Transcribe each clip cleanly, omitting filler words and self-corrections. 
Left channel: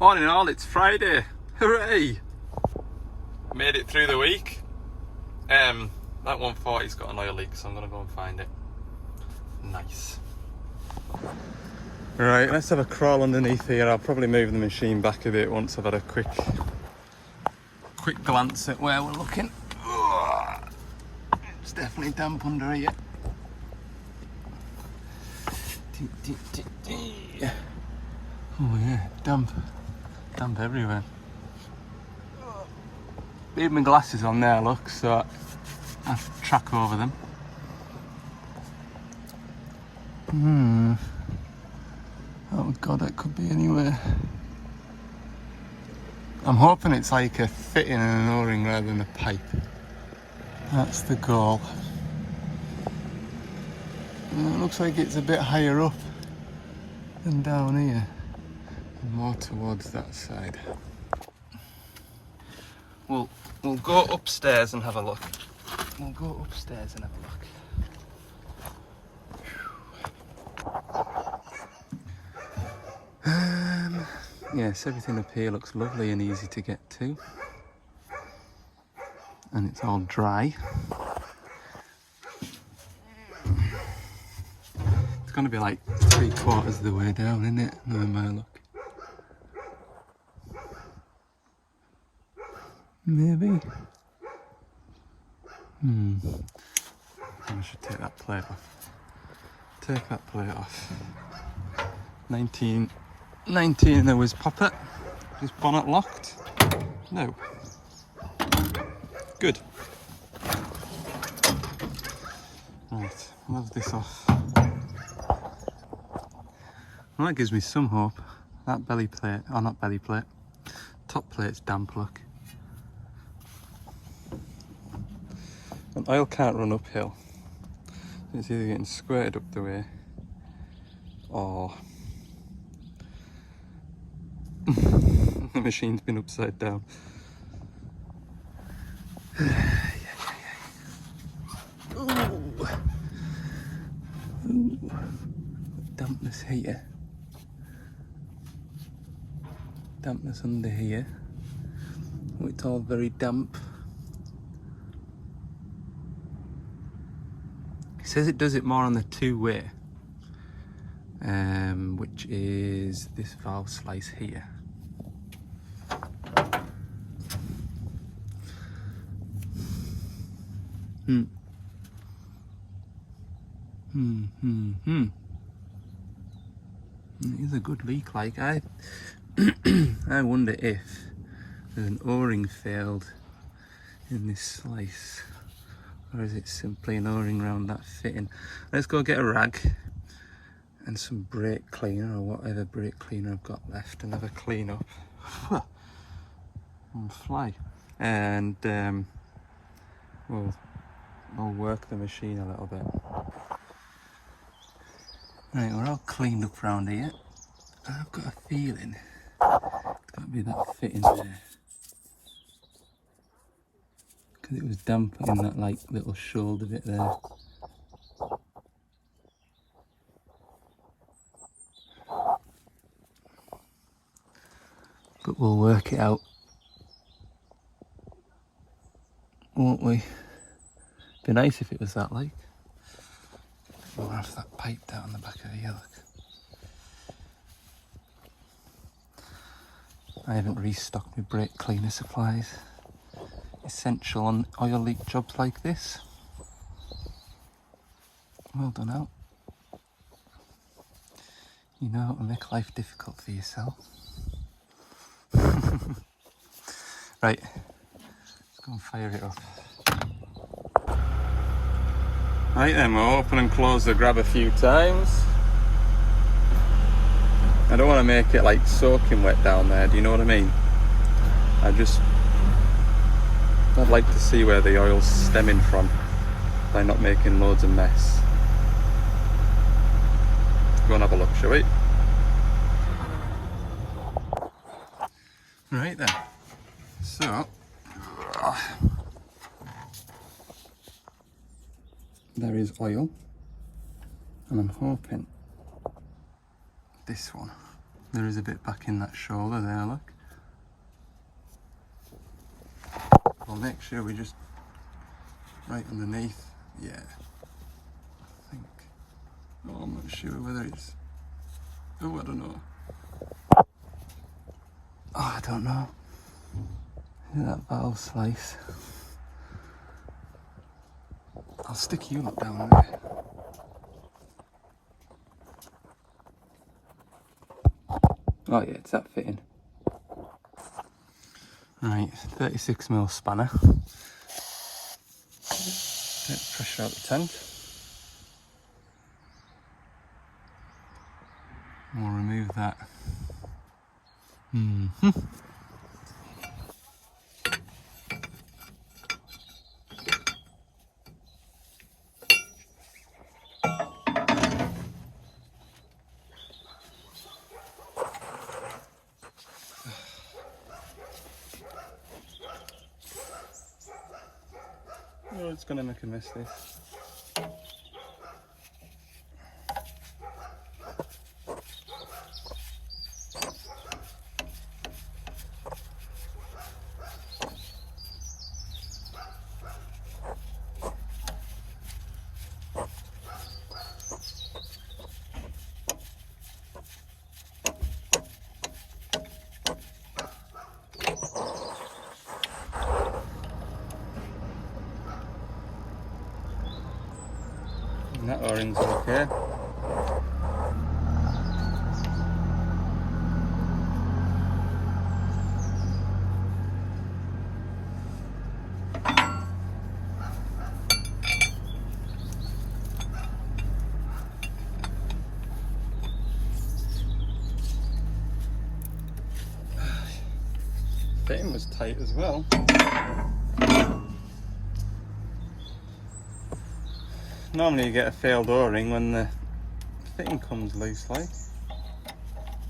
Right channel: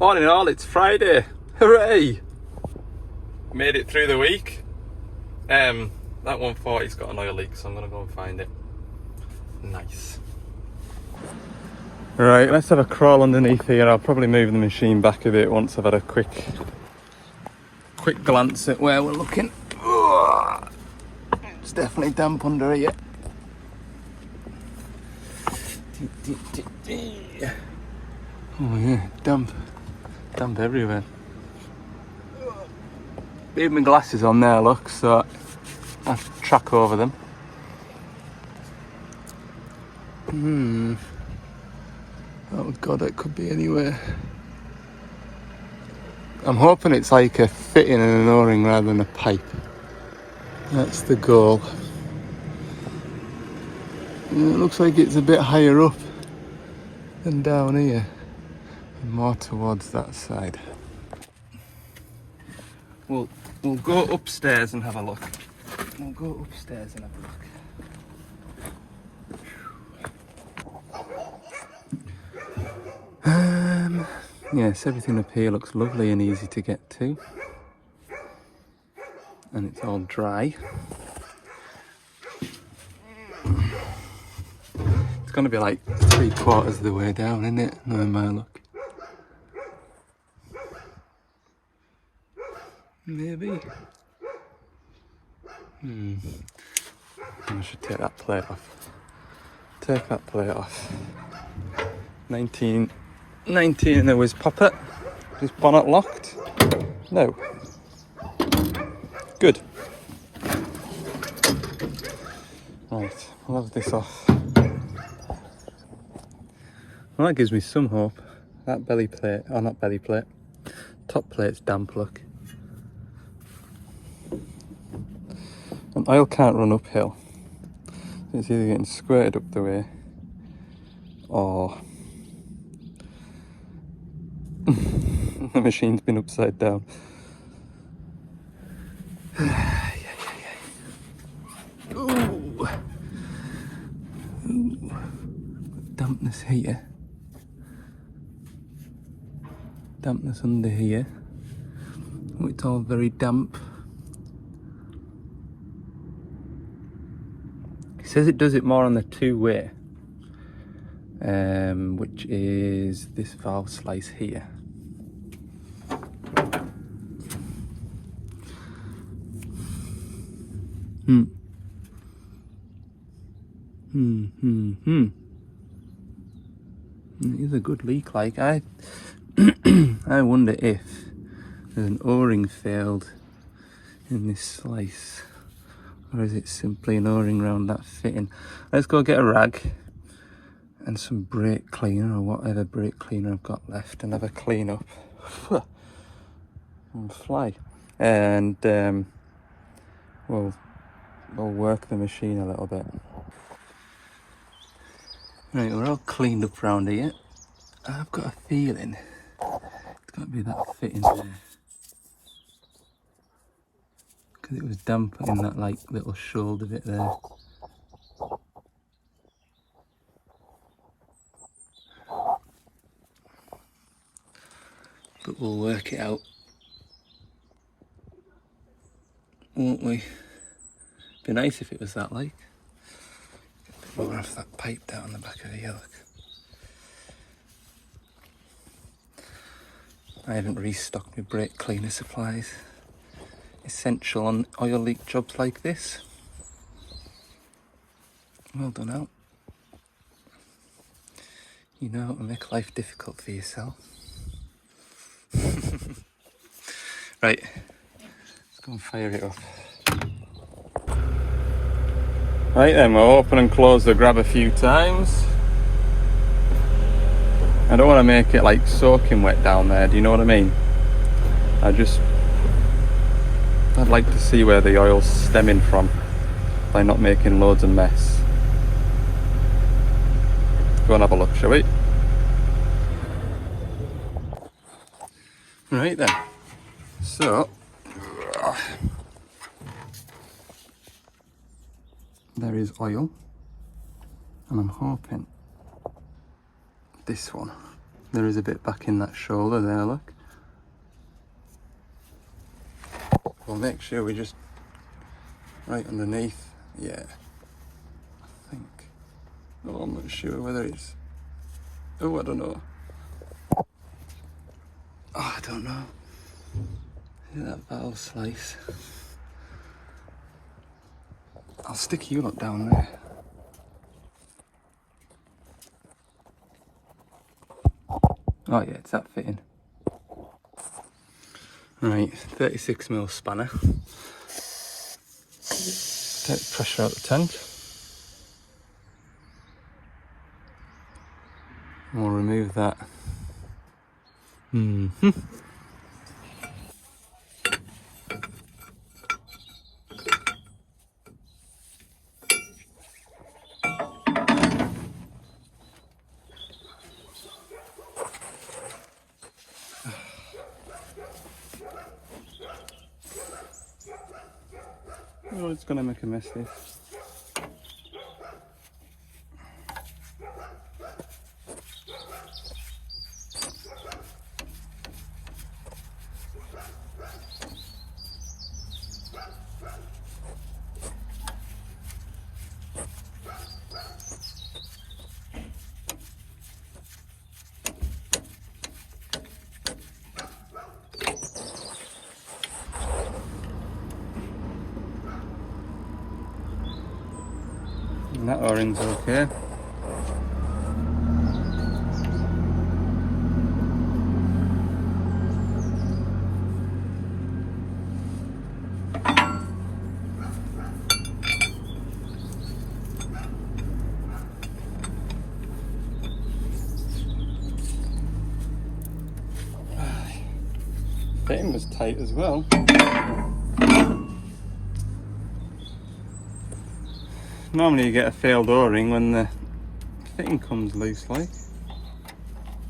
All in all, it's Friday. Hooray! Made it through the week. That 140's got an oil leak, so I'm gonna go and find it. Nice. Right, let's have a crawl underneath here. I'll probably move the machine back a bit once I've had a quick glance at where we're looking. It's definitely damp under here. Oh yeah, damp everywhere. Leave my glasses on there, look, so I have to track over them. Oh god, it could be anywhere. I'm hoping it's like a fitting and an O-ring rather than a pipe. That's the goal. It looks like it's a bit higher up than down here, and more towards that side. We'll go upstairs and have a look. Yes, everything up here looks lovely and easy to get to. And it's all dry. It's going to be like 3/4 of the way down, isn't it? Another mile look. Maybe. I should take that plate off. Take that plate off. 19 in the whiz popper. Is bonnet locked? No. Good. Right, I'll have this off. Well, that gives me some hope. That belly plate, or not belly plate, top plate's damp, look. And oil can't run uphill. So it's either getting squirted up the way or the machine's been upside down. Ooh. Dampness here. Dampness under here. Oh, it's all very damp. It says it does it more on the two-way, which is this valve slice here. It is a good leak, like I wonder if there's an O-ring failed in this slice, or is it simply an O-ring round that fitting. Let's go get a rag and some brake cleaner or whatever brake cleaner I've got left and have a clean up and fly, and we'll work the machine a little bit. Right, we're all cleaned up round here. I've got a feeling it's got to be that fitting there, because it was damp in that like little shoulder bit there. But we'll work it out, won't we? Be nice if it was that like. We'll have that pipe down the back of the look. I haven't restocked my brake cleaner supplies. Essential on oil leak jobs like this. Well done out. You know how to make life difficult for yourself. Right, let's go and fire it up. Right then, we'll open and close the grab a few times. I don't want to make it like soaking wet down there, do you know what I mean? I'd like to see where the oil's stemming from by not making loads of mess. Go and have a look, shall we? Right then, so there is oil, and I'm hoping this one There is a bit back in that shoulder there, look. We'll make sure we just right underneath. Yeah, I think. Oh, I'm not sure whether it's. Oh, I don't know. Oh, I don't know. Look at that valve slice. I'll stick you lot down there. Oh yeah, it's that fitting. Right, 36mm spanner. Take the pressure out the tank. And we'll remove that. Oh, it's gonna make a mess, this. And that O-ring's okay. Fitting was tight as well. Normally you get a failed O-ring when the fitting comes loose like.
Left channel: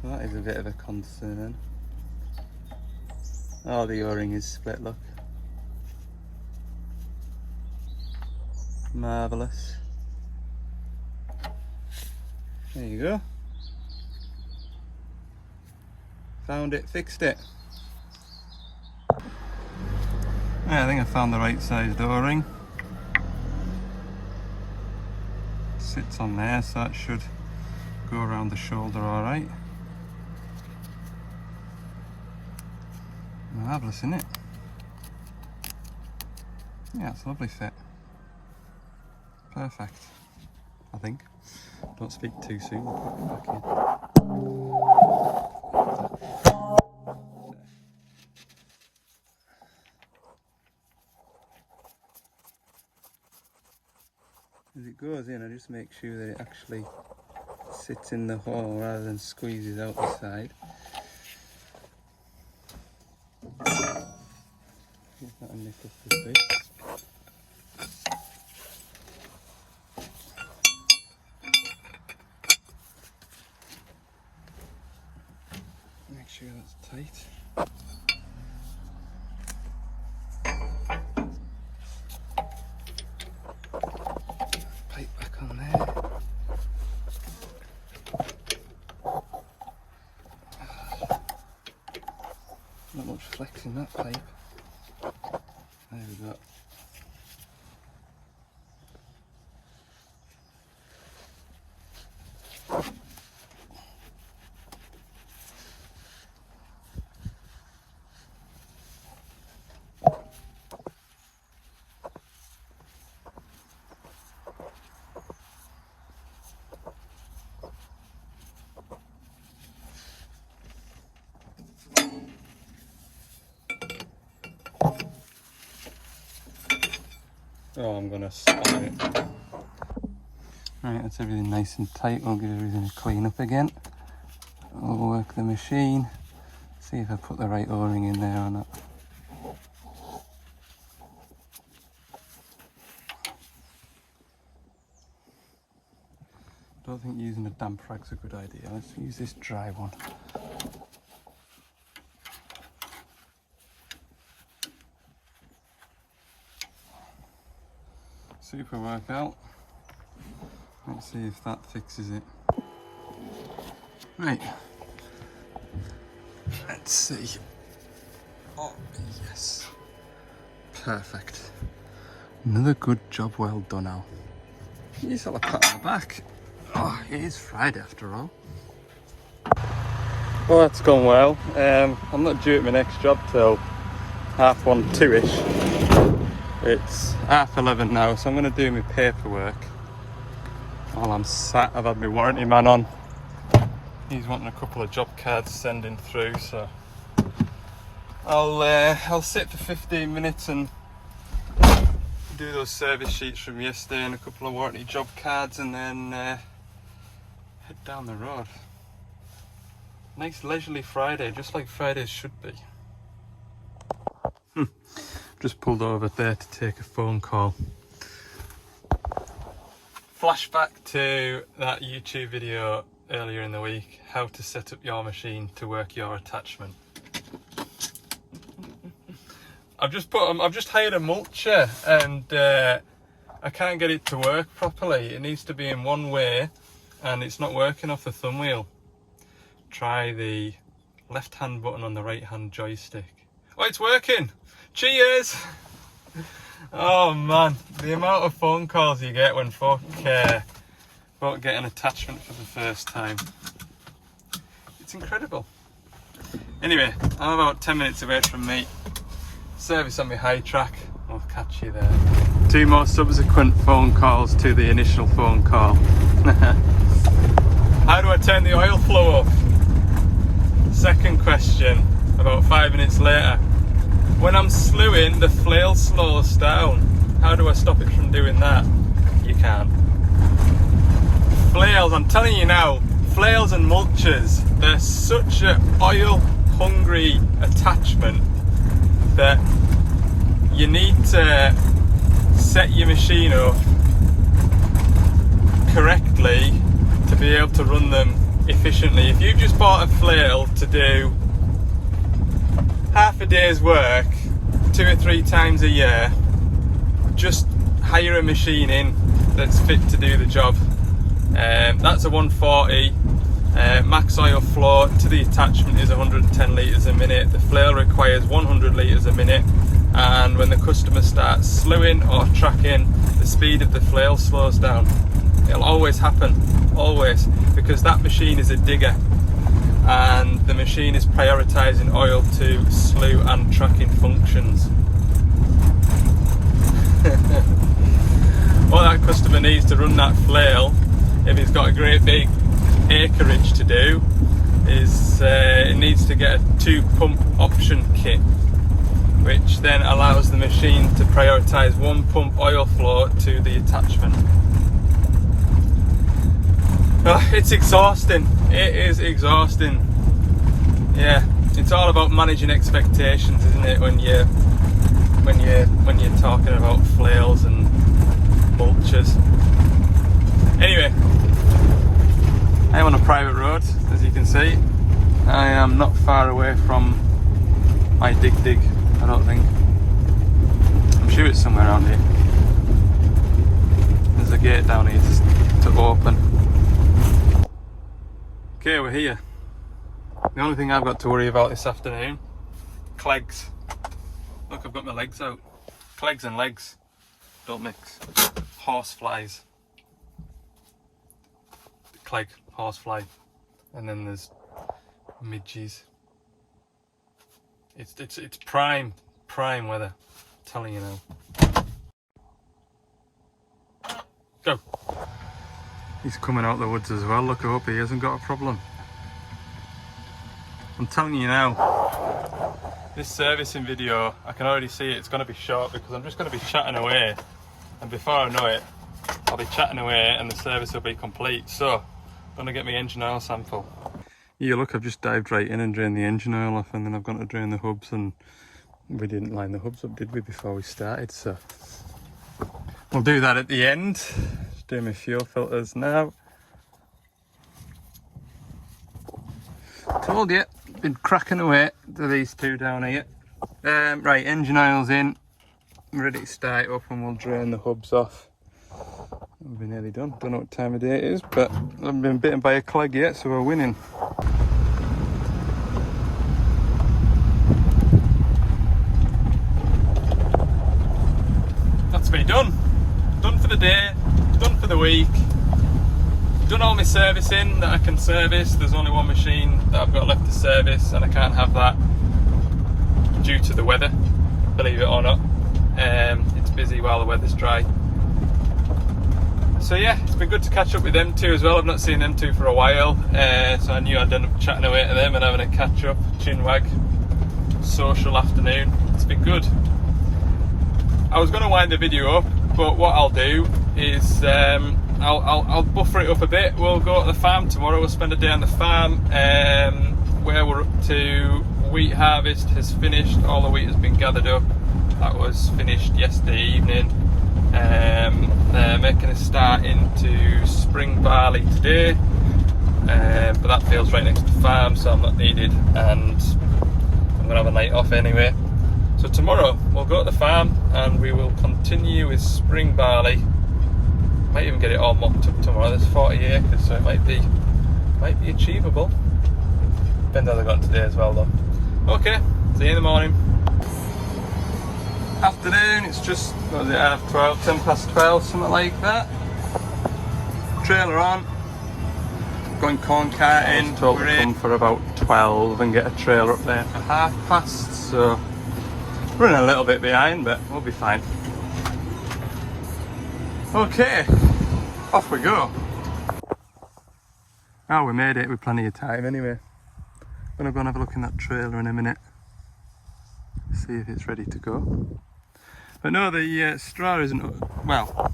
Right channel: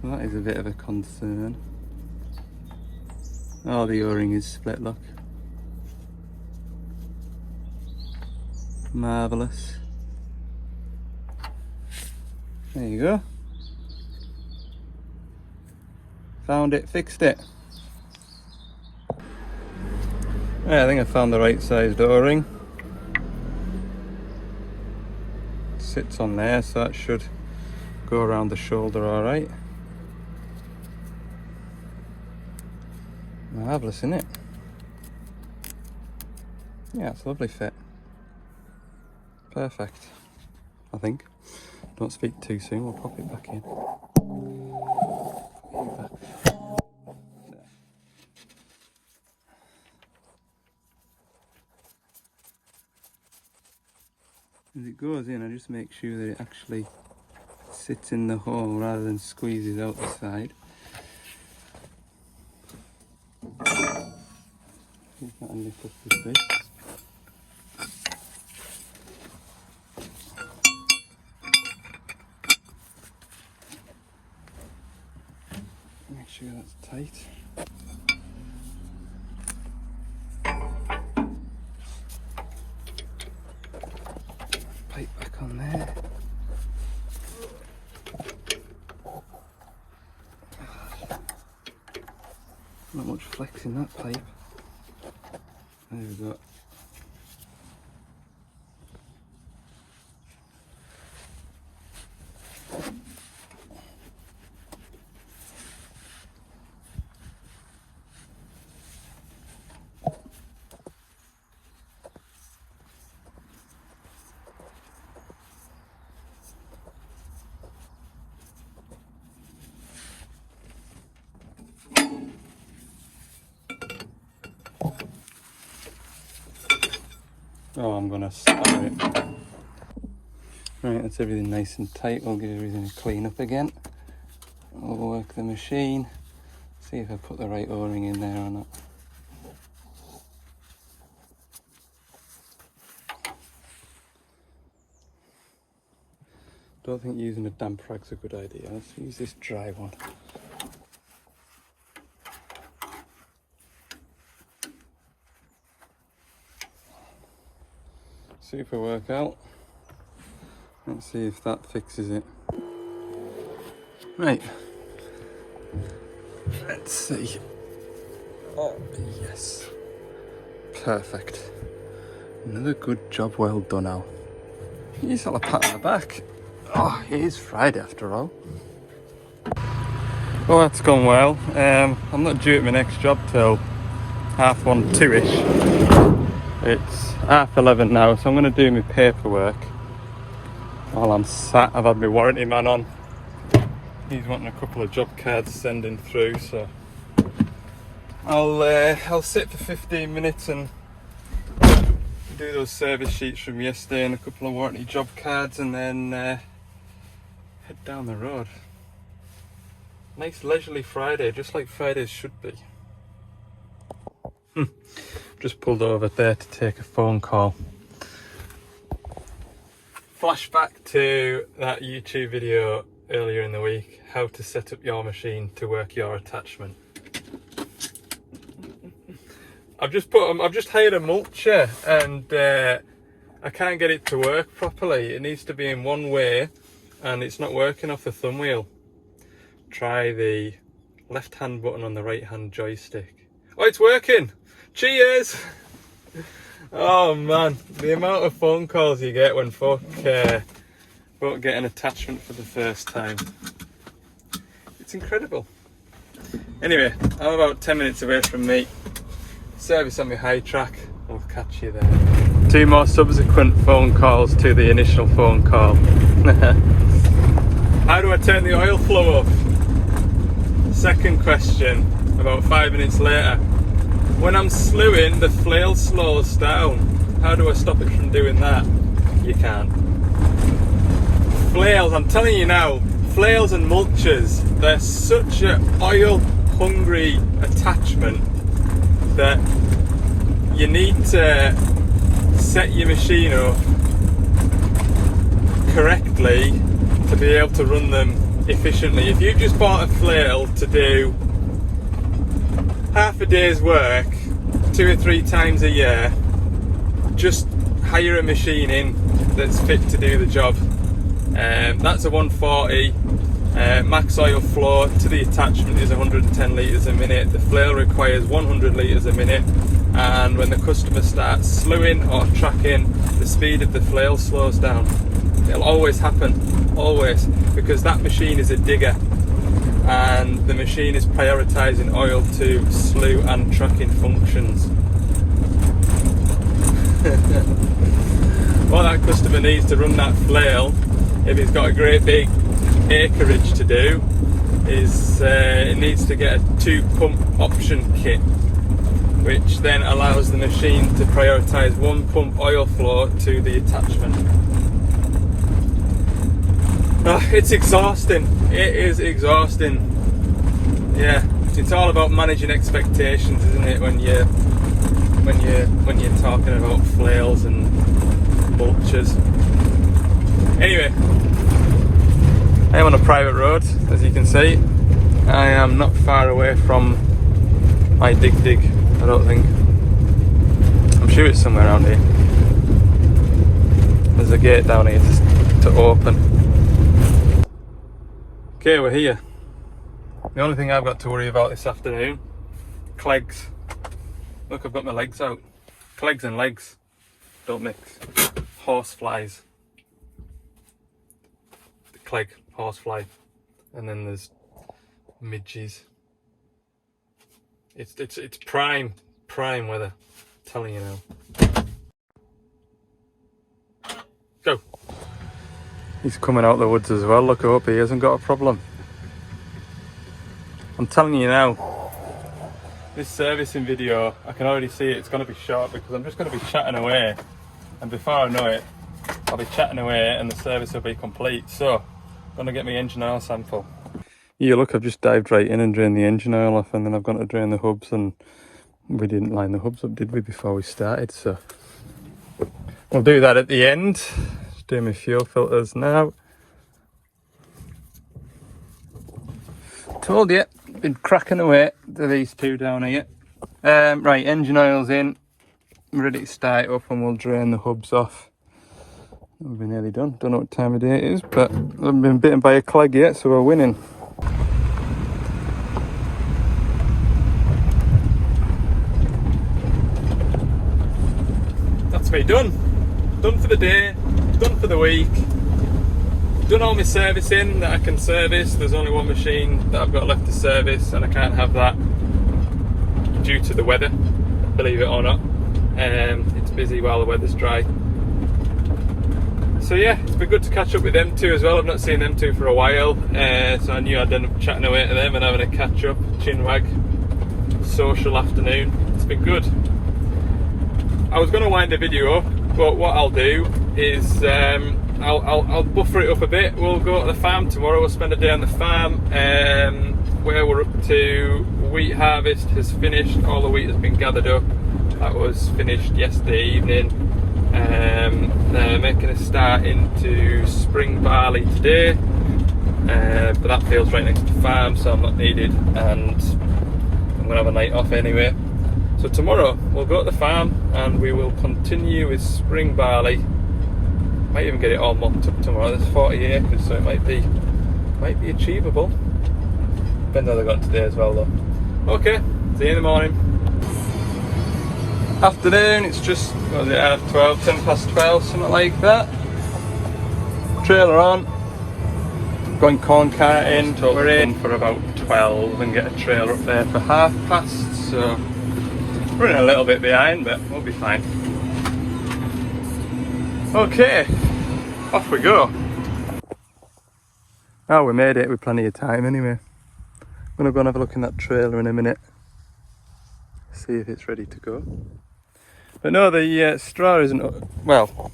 So that is a bit of a concern. Oh, the O-ring is split, look. Marvellous. There you go. Found it, fixed it. Yeah, I think I found the right sized O-ring. Sits on there, so that should go around the shoulder all right. Marvellous, isn't it? Yeah, it's a lovely fit. Perfect, I think. Don't speak too soon, we'll pop it back in. As it goes in, I just make sure that it actually sits in the hole rather than squeezes out the side. See if that'll nip up with this. Make sure that's tight. Pipe back on there. Not much flex in that pipe. There we go. Oh, I'm gonna spar it. Right, that's everything nice and tight. We'll give everything a clean up again. We'll work the machine, see if I put the right O-ring in there or not. Don't think using a damp rag's a good idea. Let's use this dry one. Super workout. Let's see if that fixes it. Right, Let's see. Oh, yes. Perfect. Another good job well done, Al. You sort of pat on the back. Oh, it is Friday after all. Well, that's gone well. I'm not due at my next job till 1:30, 2ish. It's 11:30 now, so I'm going to do my paperwork while I'm sat. I've had my warranty man on. He's wanting a couple of job cards sending through, so I'll sit for 15 minutes and do those service sheets from yesterday and a couple of warranty job cards, and then head down the road. Nice leisurely Friday, just like Fridays should be. Just pulled over there to take a phone call. Flashback to that YouTube video earlier in the week, how to set up your machine to work your attachment. I've just hired a mulcher, and I can't get it to work properly. It needs to be in one way and it's not working off the thumb wheel. Try the left hand button on the right hand joystick. Oh, it's working! Cheers! Oh man, the amount of phone calls you get when folk get an attachment for the first time. It's incredible. Anyway, I'm about 10 minutes away from me. Service on my high track. We'll catch you there. 2 more subsequent phone calls to the initial phone call. How do I turn the oil flow off? Second question, about 5 minutes later. When I'm slewing, the flail slows down. How do I stop it from doing that? You can't. Flails, I'm telling you now, flails and mulchers, they're such an oil hungry attachment that you need to set your machine up correctly to be able to run them efficiently. If you've just bought a flail to do half a day's work 2 or 3 times a year, just hire a machine in that's fit to do the job. That's a 140. Max oil flow to the attachment is 110 litres a minute. The flail requires 100 litres a minute, and when the customer starts slewing or tracking, the speed of the flail slows down. It'll always happen, always, because that machine is a digger and the machine is prioritising oil to slew and tracking functions. What that customer needs to run that flail, if he's got a great big acreage to do, is it needs to get a 2-pump option kit, which then allows the machine to prioritise 1 pump oil flow to the attachment. Oh, it's exhausting. It is exhausting. Yeah, it's all about managing expectations, isn't it? When you're talking about flails and mulchers. Anyway, I am on a private road, as you can see. I am not far away from my dig. I don't think. I'm sure it's somewhere around here. There's a gate down here to open. Okay, we're here. The only thing I've got to worry about this afternoon, clegs. Look, I've got my legs out. Clegs and legs don't mix. Horseflies. The cleg, horsefly, and then there's midges. It's prime weather. I'm telling you now. Go. He's coming out the woods as well. Look, I hope he hasn't got a problem. I'm telling you now, this servicing video, I can already see it's going to be short because I'm just going to be chatting away, and before I know it, I'll be chatting away and the service will be complete. So, I'm going to get my engine oil sample. Yeah, look, I've just dived right in and drained the engine oil off, and then I've gone to drain the hubs, and we didn't line the hubs up, did we, before we started? So, we'll do that at the end. Just doing my fuel filters now. Told you, been cracking away to these 2 down here. Right, engine oil's in, I'm ready to start it up, and we'll drain the hubs off. We're nearly done. Don't know what time of day it is, but I haven't been bitten by a cleg yet, so we're winning. done for the day, done for the week, done all my servicing that I can service. There's only one machine that I've got left to service, and I can't have that due to the weather, believe it or not. It's busy while the weather's dry. So yeah, it's been good to catch up with them two as well. I've not seen them two for a while, so I knew I'd end up chatting away to them and having a catch up, chinwag, social afternoon. It's been good. I was going to wind the video up, but what I'll do is I'll buffer it up a bit. We'll go to the farm tomorrow. We'll spend a day on the farm, where we're up to. Wheat harvest has finished. All the wheat has been gathered up. That was finished yesterday evening. They're making a start into spring barley today, but that field's right next to the farm, so I'm not needed, and I'm going to have a night off anyway. So tomorrow we'll go to the farm and we will continue with spring barley. Might even get it all mocked up tomorrow. There's 40 acres, so it might be achievable. Depends how they're going today as well though. Okay, see you in the morning. Afternoon, it's just, what was it, 10 past 12, something like that. Trailer on, going corn carting, so we're in for about 12 and get a trailer up there for past, so running a little bit behind, but we'll be fine. Okay, off we go. Oh, we made it with plenty of time anyway. I'm gonna go and have a look in that trailer in a minute, see if it's ready to go. But no, the straw isn't, well,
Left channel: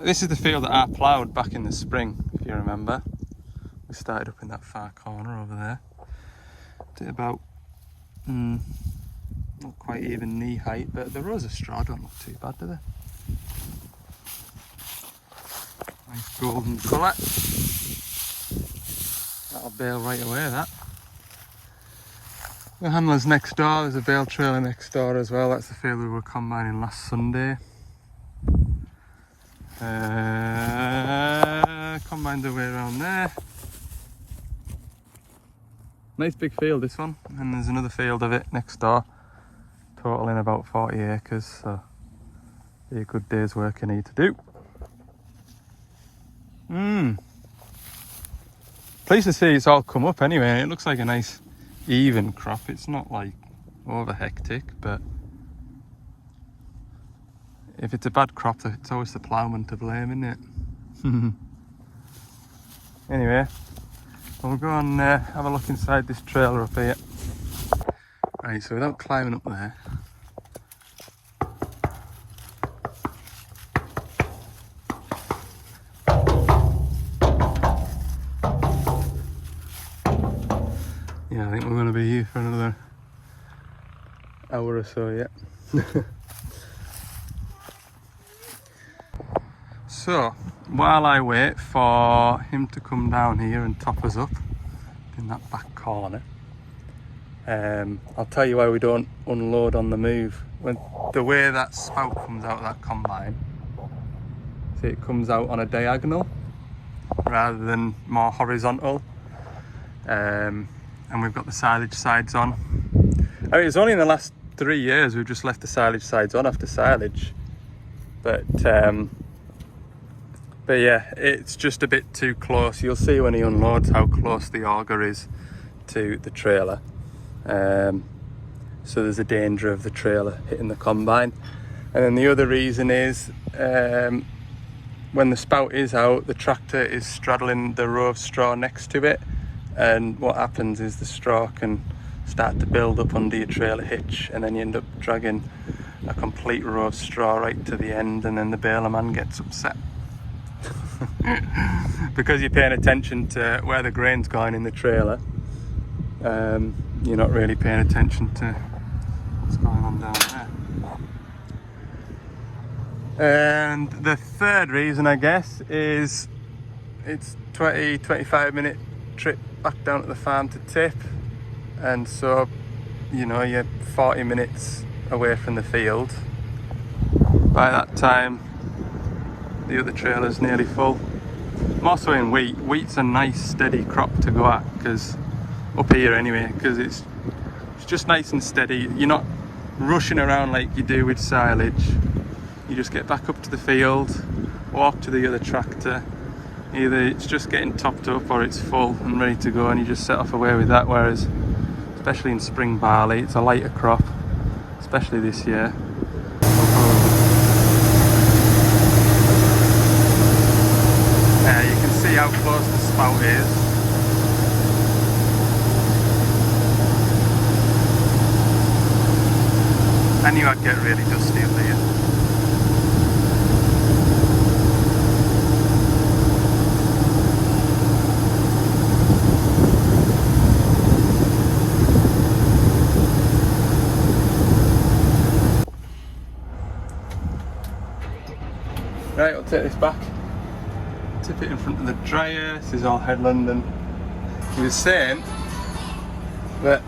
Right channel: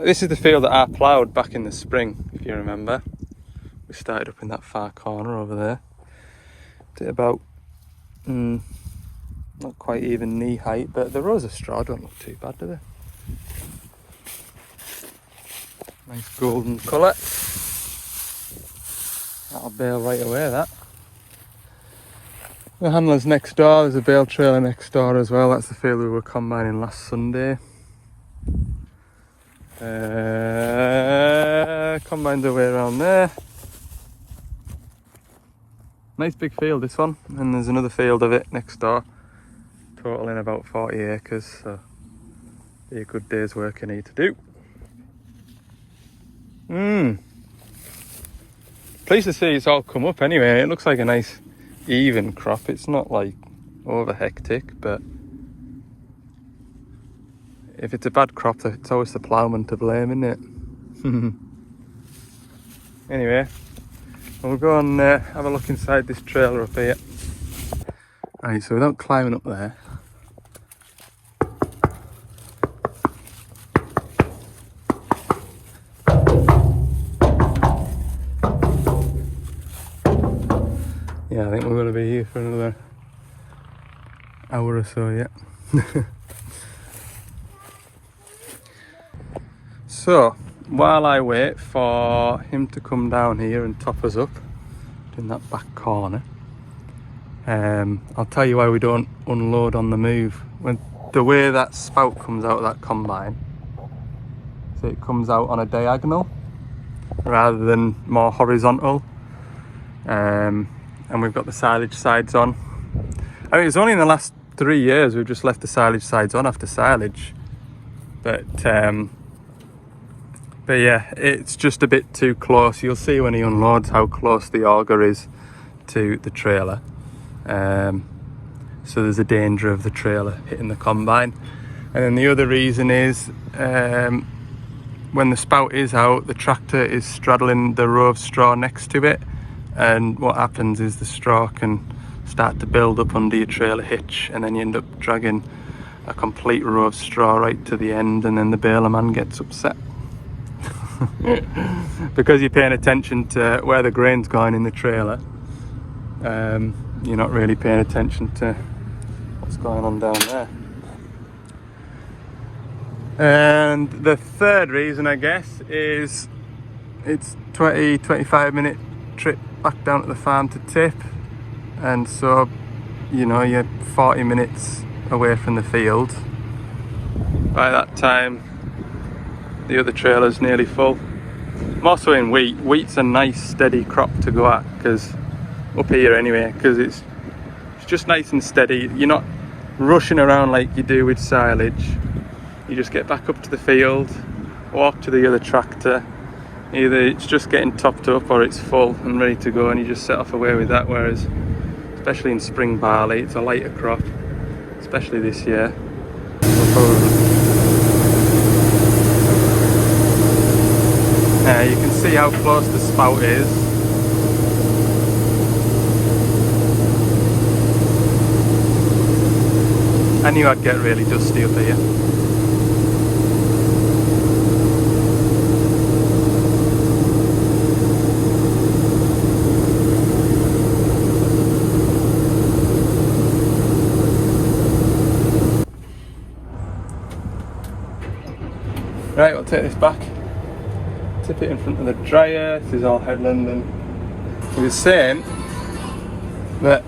this is the field that I ploughed back in the spring, if you remember. We started up in that far corner over there. Did about, not quite even knee height, but the rows of straw don't look too bad, do they? Nice golden colour. That'll bale right away, that. The handler's next door, there's a bale trailer next door as well. That's the field we were combining last Sunday. Combined the way around there. Nice big field, this one. And there's another field of it next door, totaling about 40 acres, so be a good day's work I need to do. Pleased to see it's all come up anyway. It looks like a nice even crop. It's not like over hectic, but if it's a bad crop, it's always the ploughman to blame, isn't it? Anyway, we'll go and have a look inside this trailer up here. Right, so without climbing up there, yeah, I think we're going to be here for another hour or so yet. So, while I wait for him to come down here and top us up in that back corner, I'll tell you why we don't unload on the move. The way that spout comes out of that combine, see, it comes out on a diagonal rather than more horizontal. And we've got the silage sides on. I mean, it's only in the last 3 years we've just left the silage sides on after silage. But yeah, it's just a bit too close. You'll see when he unloads how close the auger is to the trailer. So there's a danger of the trailer hitting the combine. And then the other reason is when the spout is out, the tractor is straddling the row of straw next to it. And what happens is the straw can start to build up under your trailer hitch, and then you end up dragging a complete row of straw right to the end, and then the baler man gets upset. Because you're paying attention to where the grain's going in the trailer. You're not really paying attention to what's going on down there. And the third reason, I guess, is it's 20-25 minute trip back down to the farm to tip, and so you know you're 40 minutes away from the field. By that time the other trailer's nearly full. I'm also in wheat. Wheat's a nice steady crop to go at, because up here anyway, because it's just nice and steady. You're not rushing around like you do with silage. you just get back up to the field, walk to the other tractor. Either it's just getting topped up or it's full and ready to go, and you just set off away with that. Whereas, especially in spring barley, it's a lighter crop, especially this year. We'll probably... you can see how close the spout is. I knew I'd get really dusty up here. Right, I'll take this back, tip it in front of the dryer. This is all headland, and he was saying that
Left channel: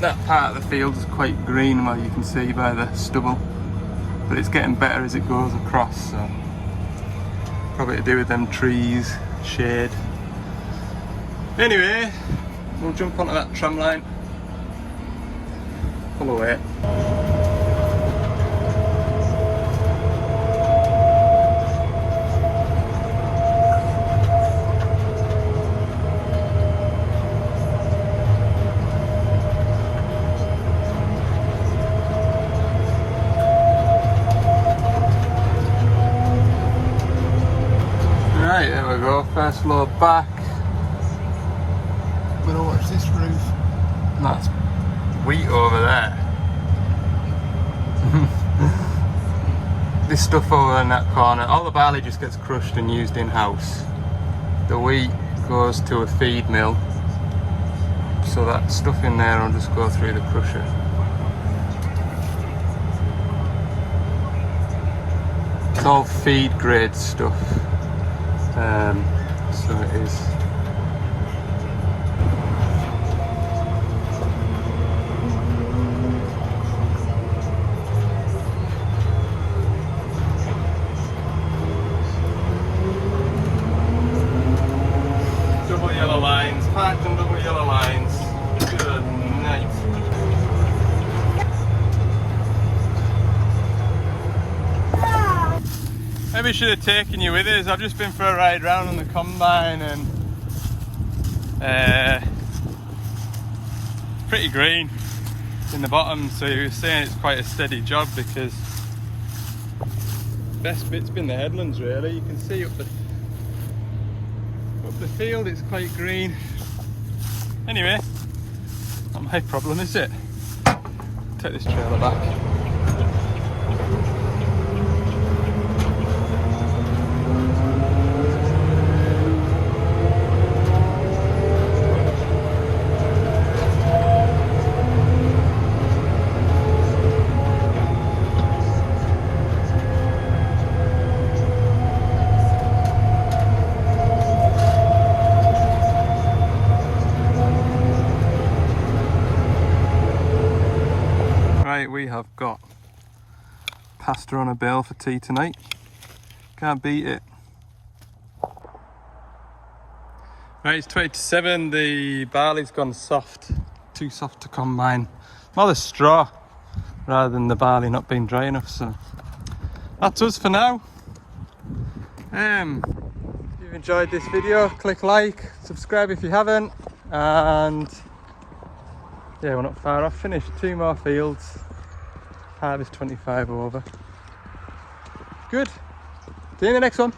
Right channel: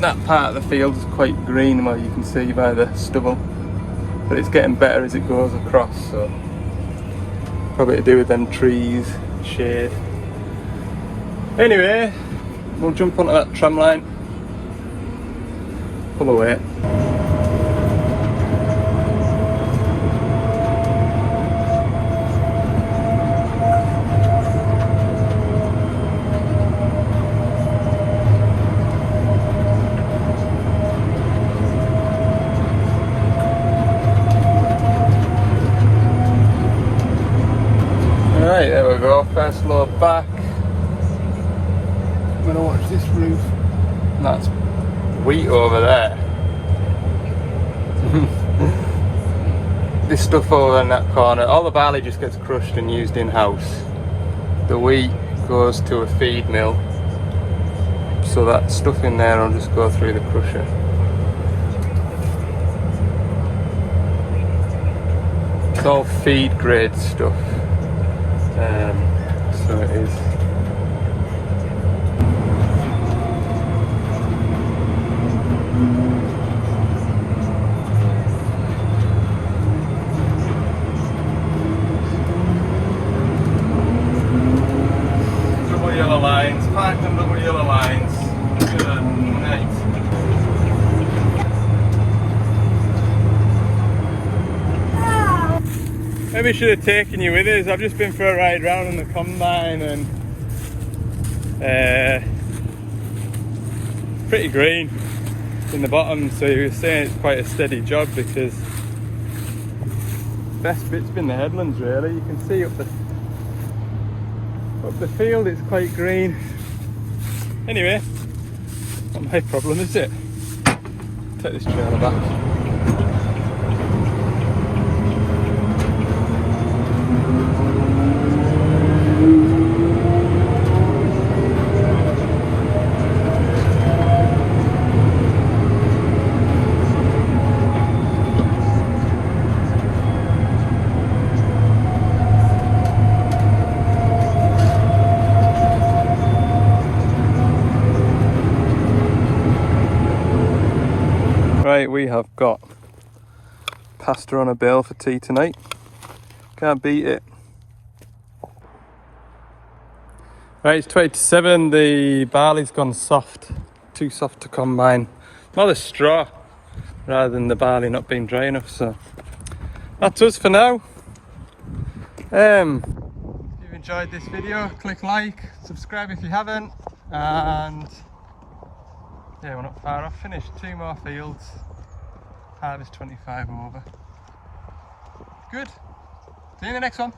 that part of the field is quite green, well, you can see by the stubble, but it's getting better as it goes across, so probably to do with them trees, shade. Anyway, we'll jump onto that tram line, pull away. Right, there we go, first load back. I'm gonna watch this roof. And that's wheat over there. This stuff over in that corner, all the barley just gets crushed and used in-house. The wheat goes to a feed mill, so that stuff in there will just go through the crusher. It's all feed grade stuff. So it is. Double yellow lines, platinum double yellow lines. Good night. Maybe I should have taken you with us. I've just been for a ride round on the combine, and pretty green in the bottom, so he was saying it's quite a steady job, because the best bit's been the headlands really. You can see up the field it's quite green. Anyway, not my problem, is it? Take this trailer back. Right, we have got pasta on a bale for tea tonight. Can't beat it. Right, it's 20 to 7. The barley's gone soft. Too soft to combine. More the straw rather than the barley not being dry enough. So that's us for now. If you've enjoyed this video, click like, subscribe if you haven't, and yeah, we're not far off. Finished 2 more fields. Harvest 25 over. Good. See you in the next one.